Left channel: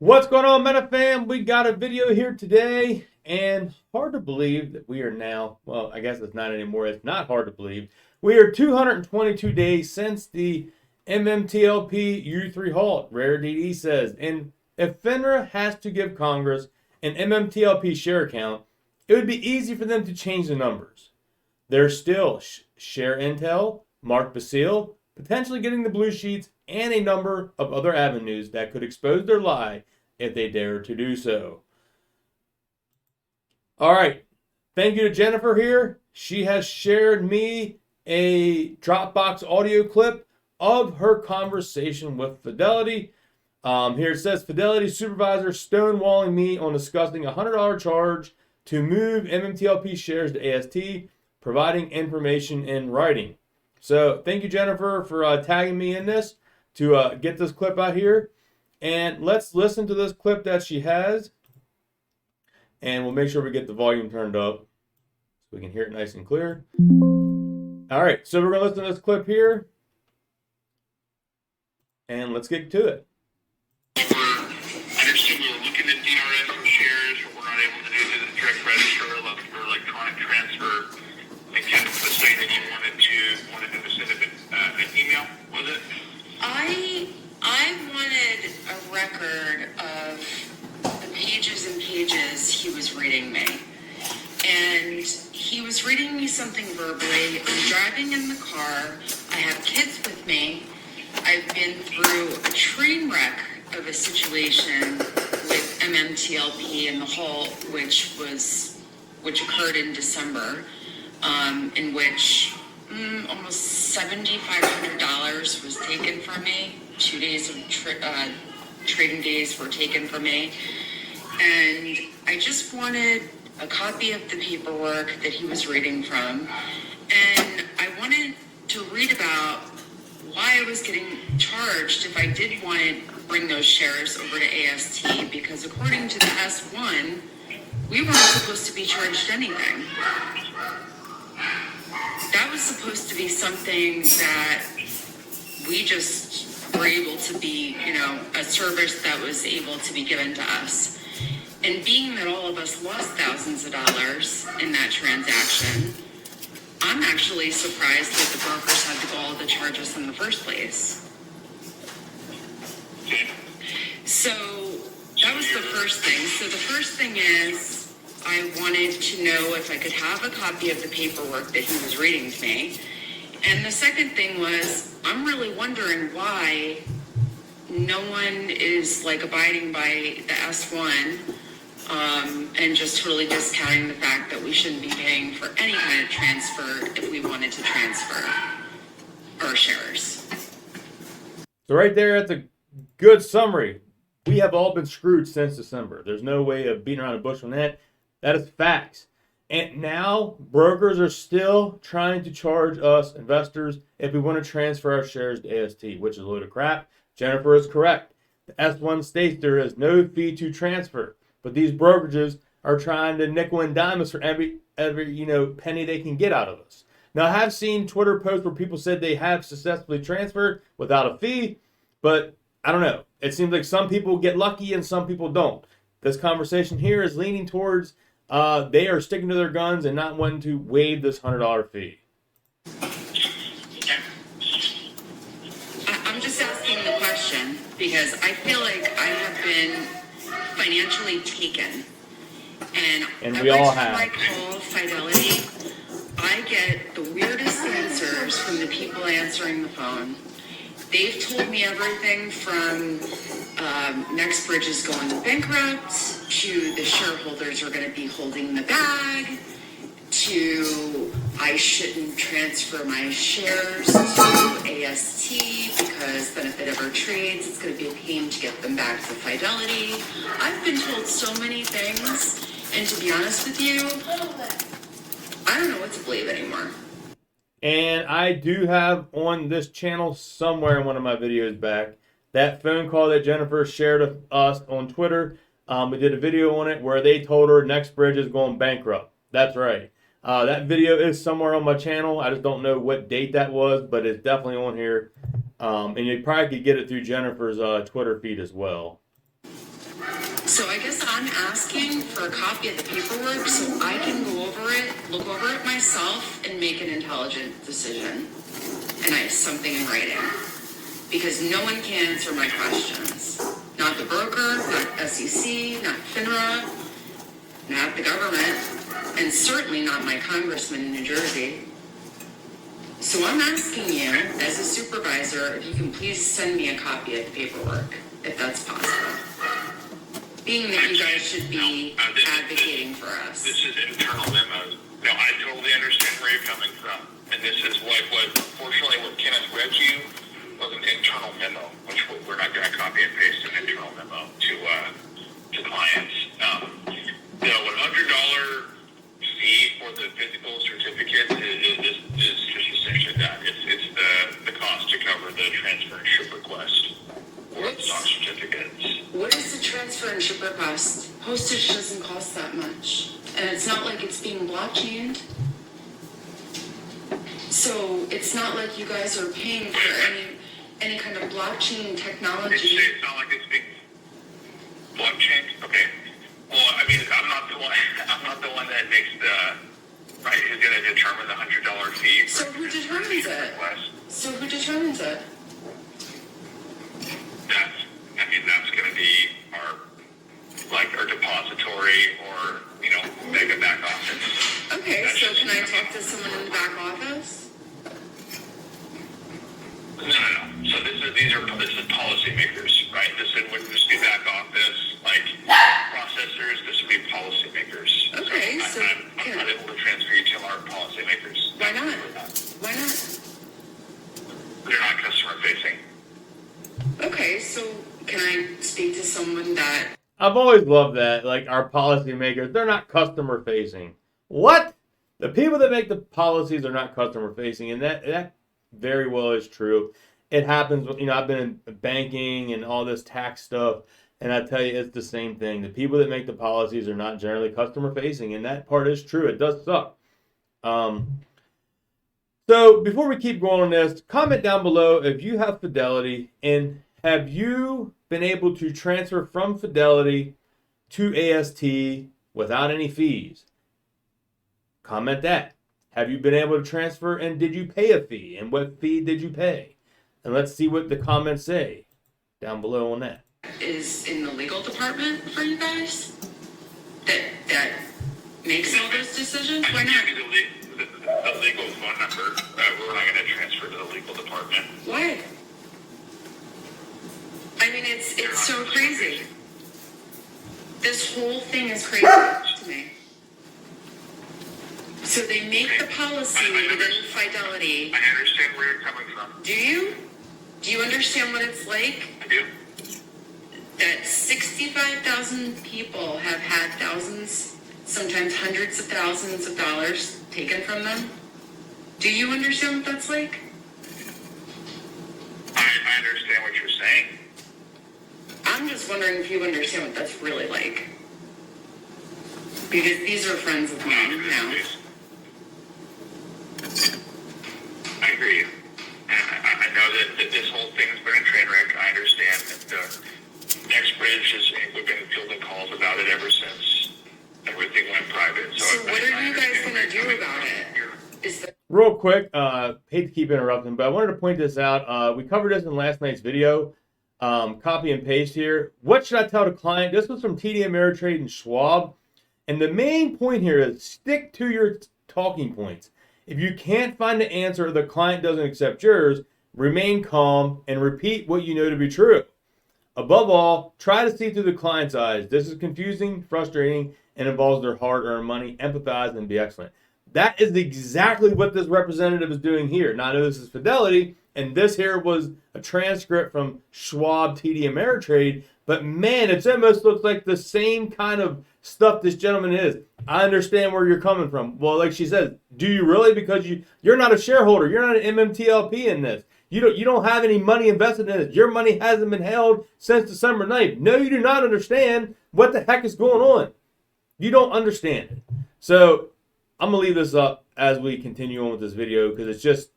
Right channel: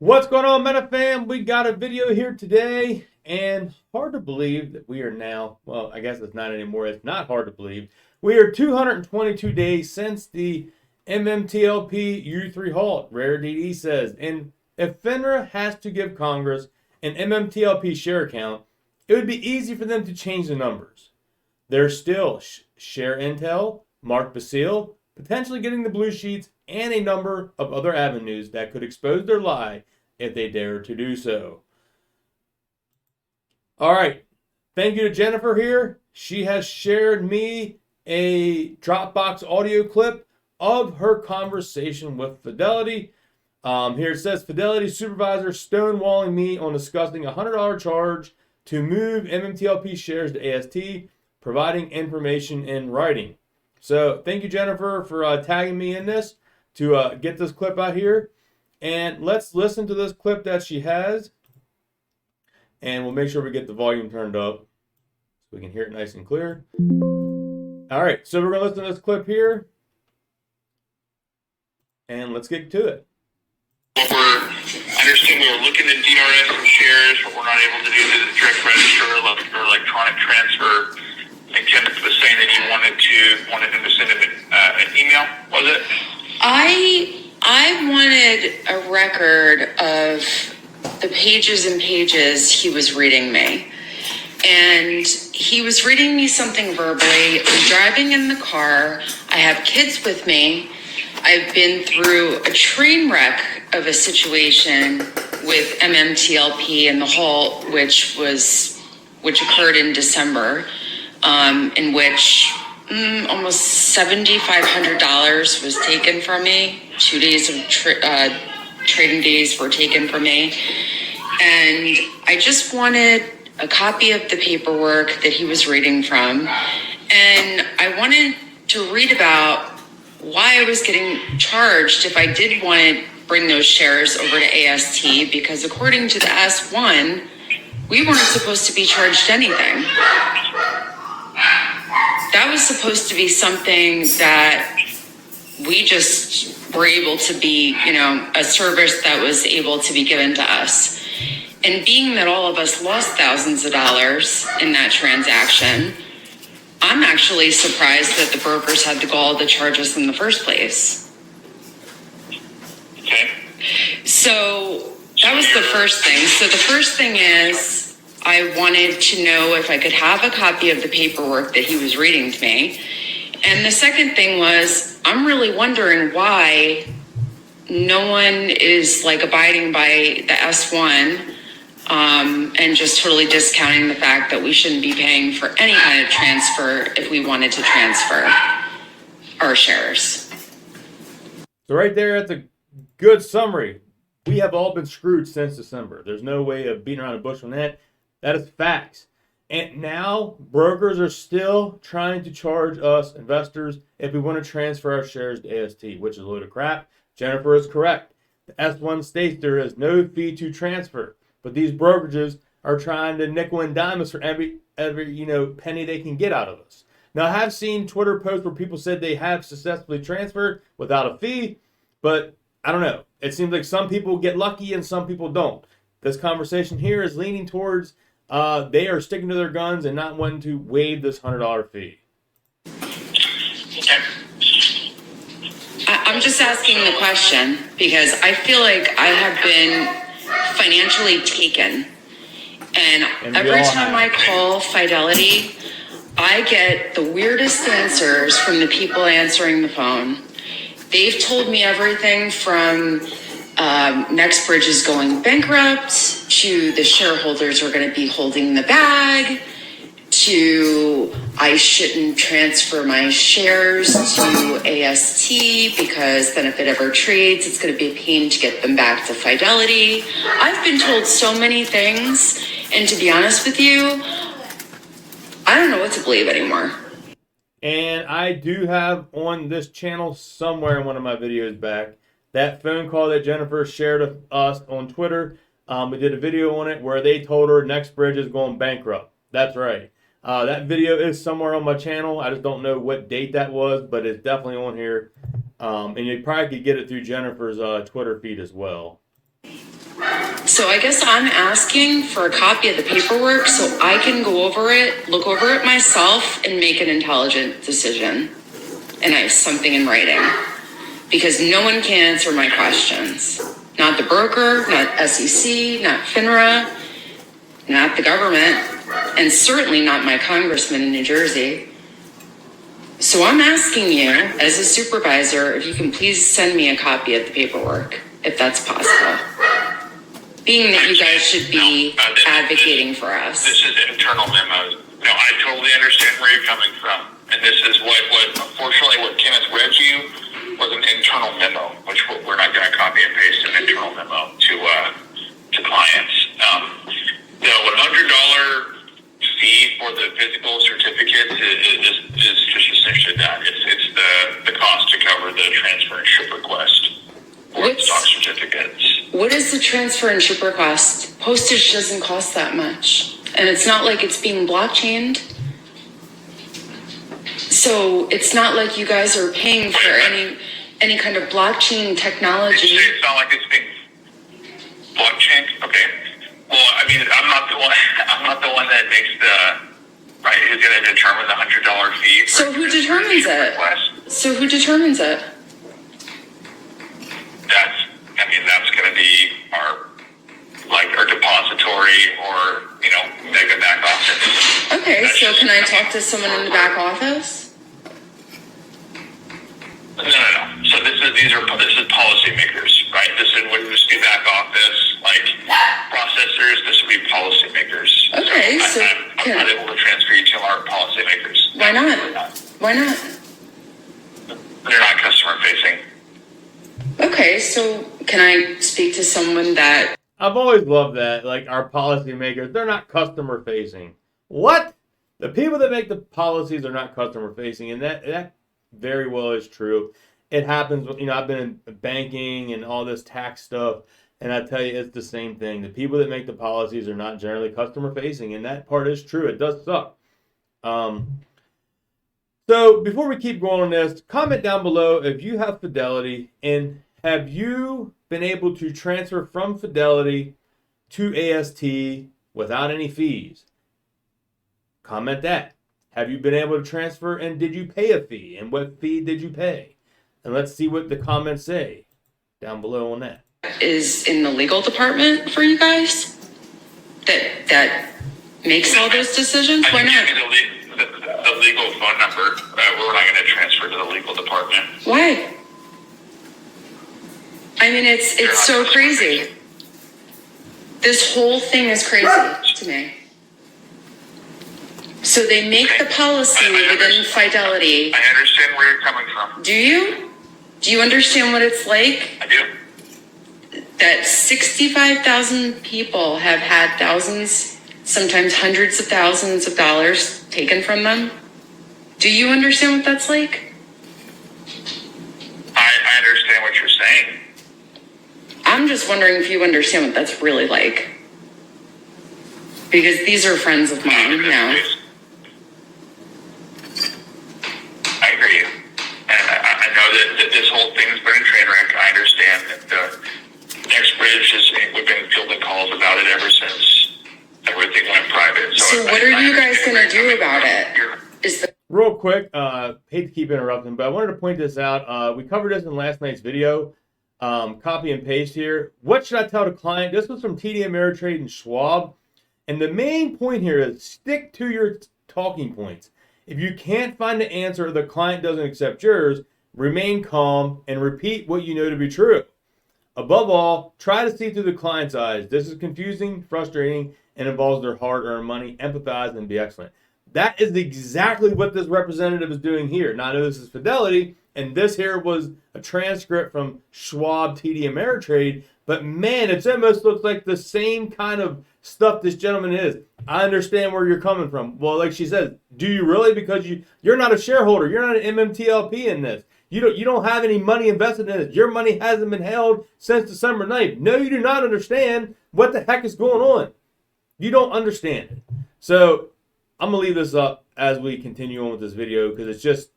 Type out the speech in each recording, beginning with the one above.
What's going on, Meta fam? We got a video here today, and hard to believe that we are now, well, I guess it's not anymore. It's not hard to believe. We are 222 days since the MMTLP U3 halt, Rare DD says. And if FINRA has to give Congress an MMTLP share count, it would be easy for them to change the numbers. There's still Share Intel, Mark Basile, potentially getting the blue sheets, and a number of other avenues that could expose their lie if they dare to do so. All right. Thank you to Jennifer here. She has shared me a Dropbox audio clip of her conversation with Fidelity. Here it says, Fidelity Supervisor stonewalling me on discussing a $100 charge to move MMTLP shares to AST, providing information in writing. So thank you, Jennifer, for tagging me in this to get this clip out here. And let's listen to this clip that she has. And we'll make sure we get the volume turned up so we can hear it nice and clear. All right, so we're going to listen to this clip here. And let's get to it. What I understand we were looking at DRS and shares, but we're not able to do the direct register or electronic transfer. I think Kenneth was saying that you wanted him to send him an email, was it? I wanted a record of the pages and pages he was reading me. And he was reading me something verbally. I'm driving in the car. I have kids with me. I've been through a train wreck of a situation with MMTLP and the halt, which occurred in December, in which almost $7,500 was taken from me. 2 days of trading days were taken from me. And I just wanted a copy of the paperwork that he was reading from. And I wanted to read about why I was getting charged if I did want to bring those shares over to AST, because according to the S1, we weren't supposed to be charged anything. That was supposed to be something that we just were able to be, a service that was able to be given to us. And being that all of us lost thousands of dollars in that transaction, I'm actually surprised that the brokers had the gall to charge us in the first place. Okay. So that was the first thing. So the first thing is, I wanted to know if I could have a copy of the paperwork that he was reading to me. And the second thing was, I'm really wondering why no one is abiding by the S1 and just totally discounting the fact that we shouldn't be paying for any kind of transfer if we wanted to transfer our shares. So right there, that's a good summary. We have all been screwed since December. There's no way of beating around the bush on that. That is facts. And now brokers are still trying to charge us investors if we want to transfer our shares to AST, which is a load of crap. Jennifer is correct. The S1 states there is no fee to transfer, but these brokerages are trying to nickel and dime us for every penny they can get out of us. Now, I have seen Twitter posts where people said they have successfully transferred without a fee, but I don't know. It seems like some people get lucky and some people don't. This conversation here is leaning towards they are sticking to their guns and not wanting to waive this $100 fee. I'm just asking the question because I feel like I have been financially taken. And every time I call Fidelity, I get the weirdest answers from the people answering the phone. They've told me everything from Nextbridge is going bankrupt, to the shareholders are going to be holding the bag, to I shouldn't transfer my shares to AST because then if it ever trades, it's going to be a pain to get them back to Fidelity. I've been told so many things, and to be honest with you, I don't know what to believe anymore. And I do have on this channel somewhere in one of my videos back that phone call that Jennifer shared with us on Twitter. We did a video on it where they told her Nextbridge is going bankrupt. That's right. That video is somewhere on my channel. I just don't know what date that was, but it's definitely on here. And you probably could get it through Jennifer's Twitter feed as well. So I guess I'm asking for a copy of the paperwork so I can go over it, look over it myself, and make an intelligent decision. And I have something in writing. Because no one can answer my questions. Not the broker, not SEC, not FINRA, not the government, and certainly not my congressman in New Jersey. So I'm asking you, as a supervisor, if you can please send me a copy of the paperwork, if that's possible. Being that you guys should be advocating for us. This is internal memos. No, I totally understand where you're coming from. And this is what unfortunately, what Kenneth read you was an internal memo, which we're not going to copy and paste an internal memo to clients. The $100 fee for the physical certificates is just essentially that. It's the cost to cover the transfer and ship request for the stock certificates. What is the transfer and ship request? Postage doesn't cost that much. And it's not like it's being blockchained. So it's not like you guys are paying for any kind of blockchain technology. It's not like it's being blockchain? Okay. Well, I mean, I'm not the one that makes who's going to determine the $100 fee. So who determines it? So who determines it? That's going to be our depository or, mega back office. Okay, so can I talk to someone in the back office? No. So this is policymakers, right? This wouldn't just be back office, processors. This would be policymakers. Okay, so I'm not able to transfer you to our policymakers. Why not? Why not? They're not customer facing. Okay, so can I speak to someone that... I've always loved that. Like, our policymakers, they're not customer facing. What? The people that make the policies are not customer facing, and that very well is true. It happens, I've been in banking and all this tax stuff, and I tell you, it's the same thing. The people that make the policies are not generally customer facing, and that part is true. It does suck. So before we keep going on this, comment down below if you have Fidelity, and have you been able to transfer from Fidelity to AST without any fees? Comment that. Have you been able to transfer, and did you pay a fee? And what fee did you pay? And let's see what the comments say down below on that. Is in the legal department for you guys? That makes all those decisions? Why not? The legal phone number. We're not going to transfer to the legal department. Why? I mean, it's so crazy. This whole thing is crazy to me. So they make the policy within Fidelity. I understand where you're coming from. Do you? Do you understand what it's like? I do. That 65,000 people have had thousands, sometimes hundreds of thousands of dollars taken from them? Do you understand what that's like? I understand what you're saying. I'm just wondering if you understand what that's really like. Because these are friends of mine now. I hear you. And I know that this whole thing's been a train wreck. I understand that Nextbridge we've been fielding calls about it ever since everything went private. So what are you guys going to do about it? Real quick, hate to keep interrupting, but I wanted to point this out. We covered this in last night's video. Copy and paste here. What should I tell the client? This was from TD Ameritrade and Schwab. And the main point here is stick to your talking points. If you can't find the answer or the client doesn't accept yours, remain calm and repeat what you know to be true. Above all, try to see through the client's eyes. This is confusing, frustrating, and involves their hard-earned money. Empathize and be excellent. That is exactly what this representative is doing here. Now, I know this is Fidelity, and this here was a transcript from Schwab TD Ameritrade, but man, it almost looks like the same kind of stuff this gentleman is. I understand where you're coming from. Well, like she says, do you really? Because you're not a shareholder. You're not an MMTLP in this. You don't have any money invested in it. Your money hasn't been held since December 9th. No, you do not understand what the heck is going on. You don't understand it. So I'm going to leave this up as we continue on with this video because it's just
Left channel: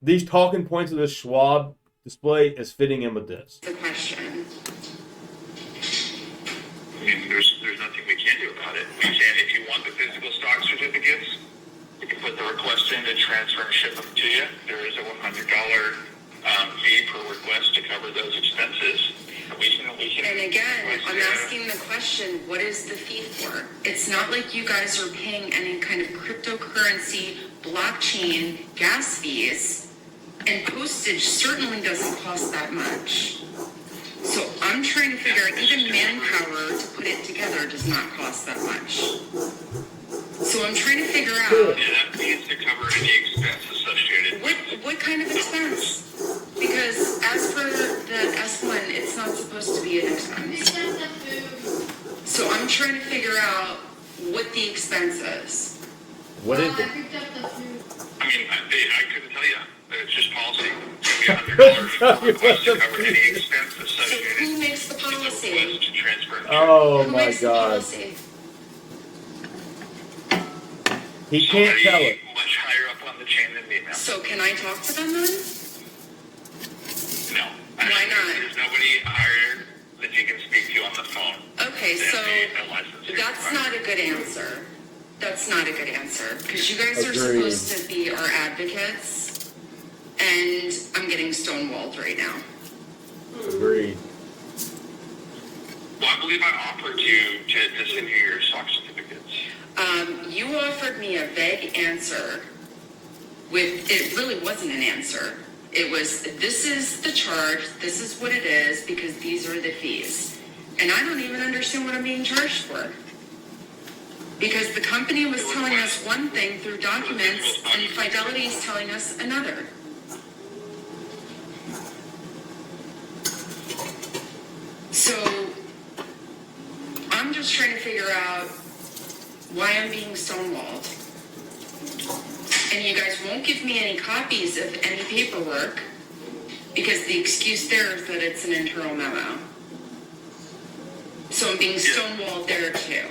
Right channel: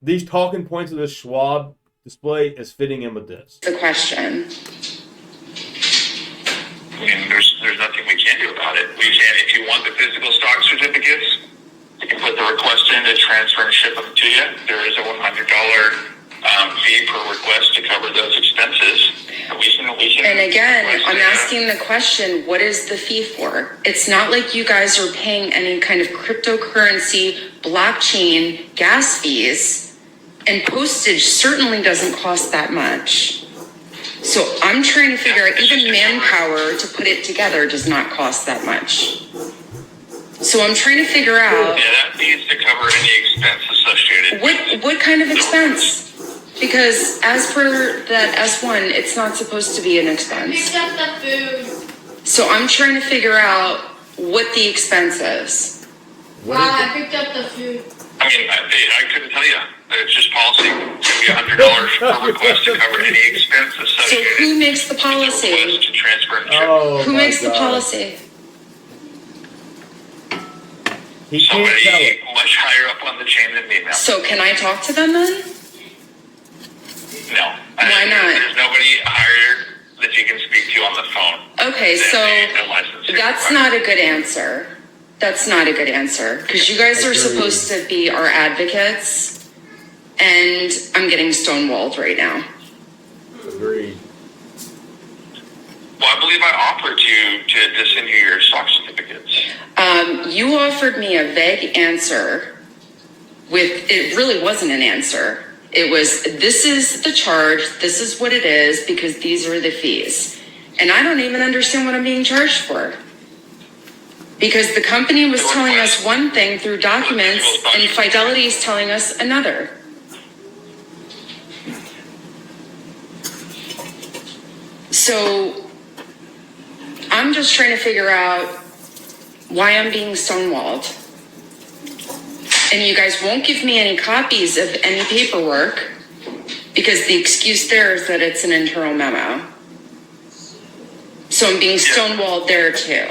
these talking points of this Schwab display is fitting in with this. The question. I mean, there's nothing we can do about it. We can, if you want the physical stock certificates, you can put the request in to transfer and ship them to you. There is a $100 fee per request to cover those expenses. And again, I'm asking the question, what is the fee for? It's not like you guys are paying any kind of cryptocurrency, blockchain, gas fees, and postage certainly doesn't cost that much. So I'm trying to figure out, even manpower to put it together does not cost that much. So I'm trying to figure out... Yeah, that needs to cover any expense associated. What kind of expense? Because as per that S1, it's not supposed to be an expense. Picked up the food. So I'm trying to figure out what the expense is. What Mom, is I it? picked up the food. I mean, I couldn't tell you. It's just policy. It's going to be $100 per request to cover any expense So associated. who makes the with the request policy? to transfer and ship. Oh Who my makes the God. policy? He can't tell Somebody it. much higher up on the chain than me, ma'am. So can I talk to them then? No. Why not? There's nobody higher that you can speak to on the phone. Okay, than so the licensed that's supervisor. not a good answer. That's not a good answer. Because you guys are Agreed. supposed to be our advocates. And I'm getting stonewalled right now. Agreed. Well, I believe I offered you to send you your stock certificates. You offered me a vague answer it really wasn't an answer. It was, this is the charge, this is what it is, because these are the fees. And I don't even understand what I'm being charged for. Because the company was telling us one thing through documents, and Fidelity is telling us another. So I'm just trying to figure out why I'm being stonewalled. And you guys won't give me any copies of any paperwork because the excuse there is that it's an internal memo. So I'm being stonewalled there too.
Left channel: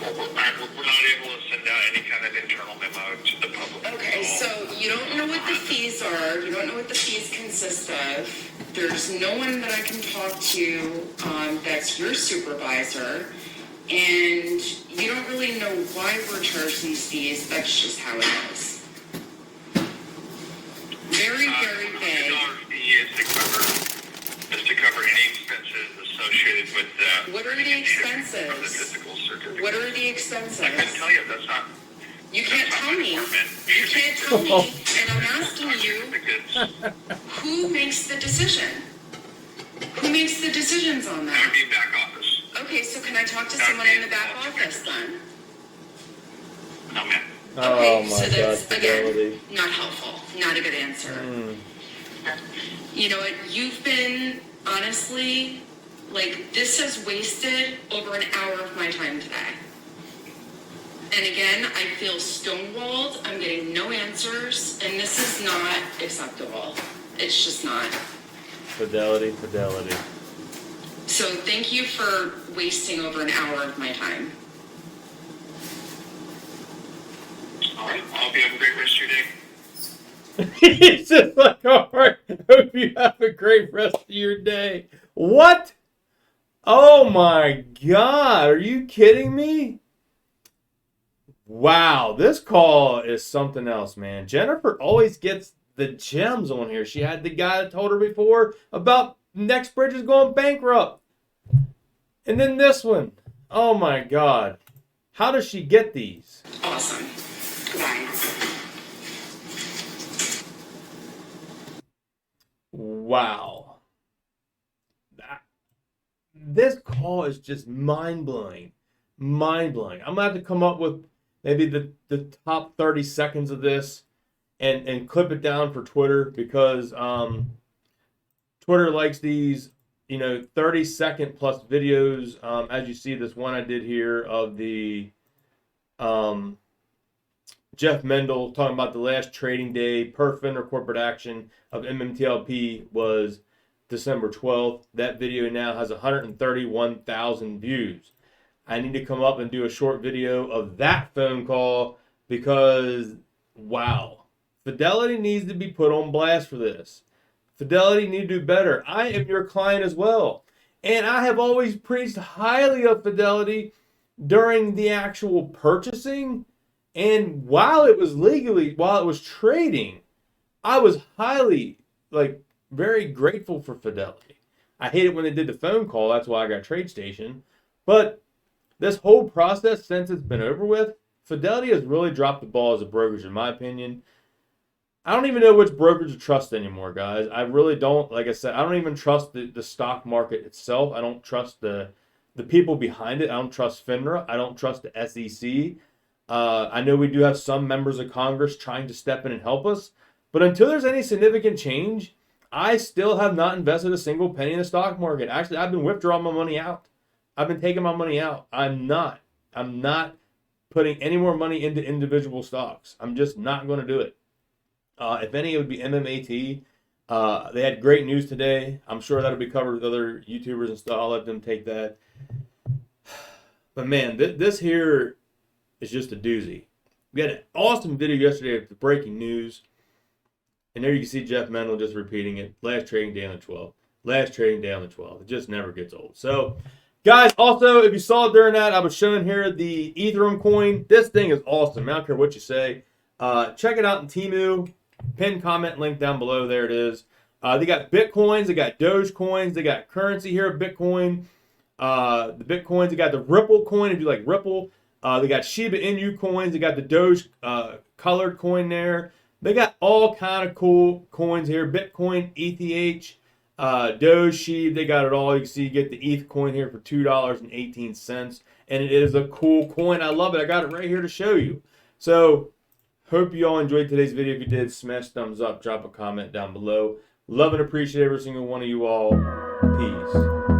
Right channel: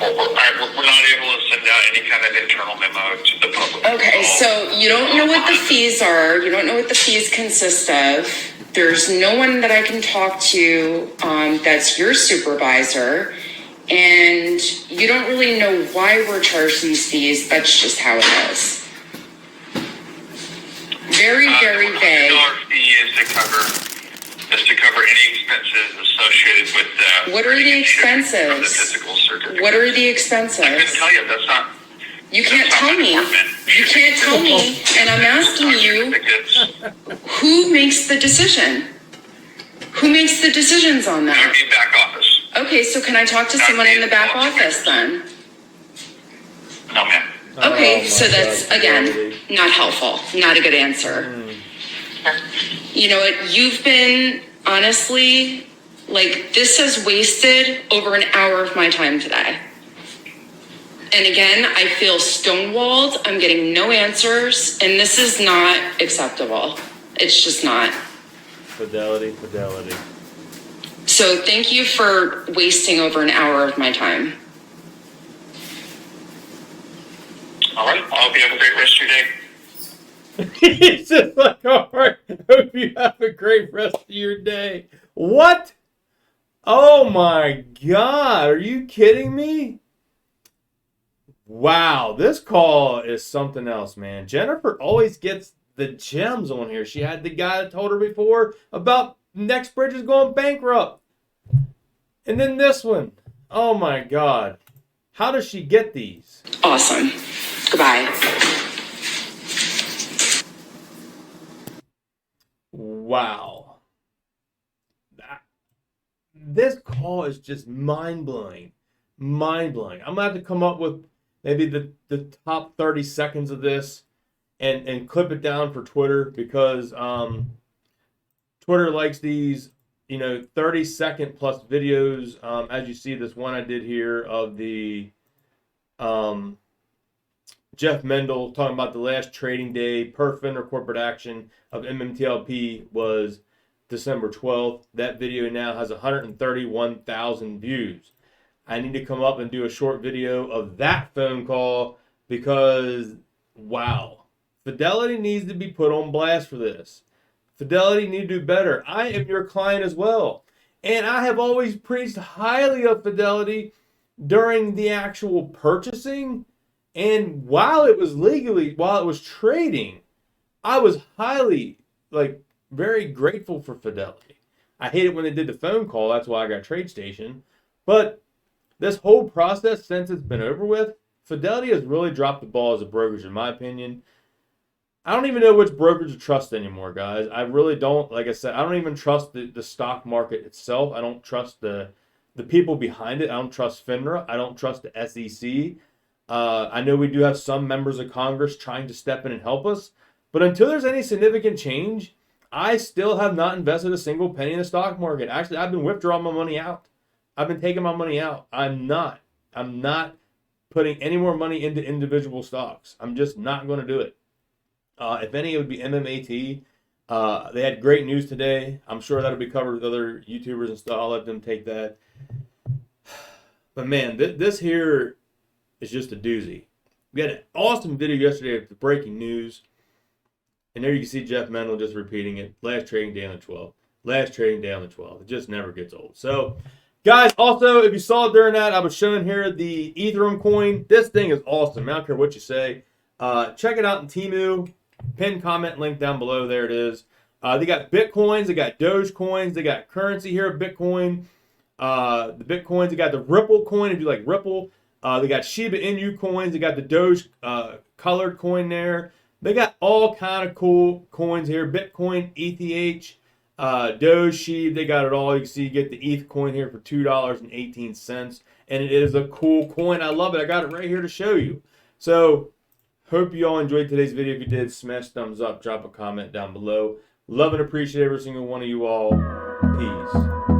Well, we're not able to send out any kind of internal memo to the public. Okay, so you don't know what the fees are. You don't know what the fees consist of. There's no one that I can talk to that's your supervisor. And you don't really know why we're charged these fees. That's just how it is. Very, very The vague. $100 fee is to cover any expenses associated with the. What are the printing and shipping of expenses? The physical certificate. What are the I couldn't expenses? tell you. That's not. You can't that's not tell my me. department. You can't tell me. And I'm asking you, Certificates. who makes the decision? Who makes the decisions on That would that? be back office. Okay, so can I talk to someone in the back office then? No, ma'am. Okay, Oh my so that's, God, again, Fidelity. not helpful. Not a good answer. You know what? You've been, honestly, like, this has wasted over an hour of my time today. And again, I feel stonewalled. I'm getting no answers. And this is not acceptable. It's just not. Fidelity. So thank you for wasting over an hour of my time. All right. I hope you have a great rest of your day. He's just like, all right, hope you have a great rest of your day. What? Oh my God, are you kidding me? Wow, this call is something else, man. Jennifer always gets the gems on here. She had the guy that told her before about Nextbridge is going bankrupt. And then this one. Oh my God. How does she get these? Awesome. Goodbye. Wow. This call is just mind-blowing. Mind-blowing. I'm going to have to come up with maybe the top 30 seconds of this and clip it down for Twitter because Twitter likes these, 30-second plus videos. As you see, this one I did here of the Jeff Mendel talking about the last trading day per fender corporate action of MMTLP was December 12th. That video now has 131,000 views. I need to come up and do a short video of that phone call because, wow, Fidelity needs to be put on blast for this. Fidelity need to do better. I am your client as well. And I have always preached highly of Fidelity during the actual purchasing. And while it was trading, I was highly, very grateful for Fidelity. I hate it when they did the phone call. That's why I got TradeStation. But this whole process, since it's been over with, Fidelity has really dropped the ball as a brokerage, in my opinion. I don't even know which brokerage to trust anymore, guys. I really don't. Like I said, I don't even trust the stock market itself. I don't trust the people behind it. I don't trust FINRA. I don't trust the SEC. I know we do have some members of Congress trying to step in and help us. But until there's any significant change, I still have not invested a single penny in the stock market. Actually, I've been withdrawing my money out. I've been taking my money out. I'm not putting any more money into individual stocks. I'm just not going to do it. If any, it would be MMAT. They had great news today. I'm sure that'll be covered with other YouTubers and stuff. I'll let them take that. But man, this here is just a doozy. We had an awesome video yesterday of the breaking news. And there you can see Jeff Mendel just repeating it. Last trading day on the 12th. Last trading day on the 12th. It just never gets old. So, guys, also, if you saw during that, I was showing here the Ethereum coin. This thing is awesome. I don't care what you say. Check it out in Temu. Pin comment link down below. There it is. They got Bitcoins. They got Doge coins. They got currency here of Bitcoin. The Bitcoins. They got the Ripple coin if you like Ripple. They got Shiba Inu coins. They got the Doge colored coin there. They got all kind of cool coins here. Bitcoin, ETH, Doge, Shiba. They got it all. You can see you get the ETH coin here for $2.18. And it is a cool coin. I love it. I got it right here to show you. So, hope you all enjoyed today's video. If you did, smash thumbs up. Drop a comment down below. Love and appreciate every single one of you all. Peace.